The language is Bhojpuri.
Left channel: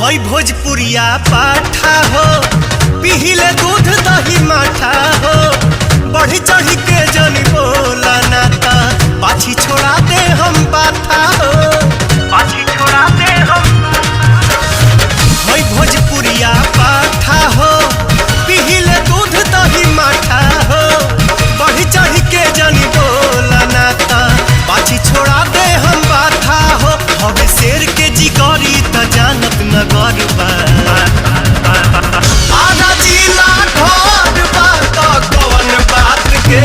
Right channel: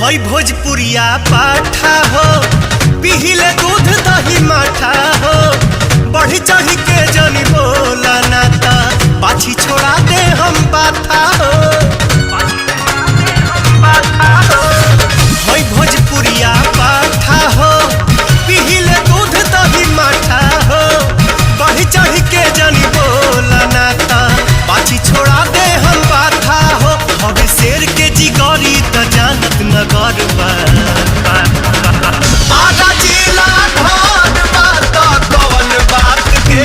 हई भोजपुरिया पाठा हो, पिहिले दूध दही माठा हो। बढ़ी चढ़ी के जनी बोला नाता, पाछी छोड़ा दे हम बाथा हो, पाछी छोड़ा दे हम बाथा हो। हई भोजपुरिया पाठा हो, पिहिले दूध दही माठा हो। बढ़ी चढ़ी के जनी बोला नाता, पाछी छोड़ा दे हम बाथा हो। हवे शेर के जिगरी त जानत नगर बा, आधा जिला घर बा त कौन बात के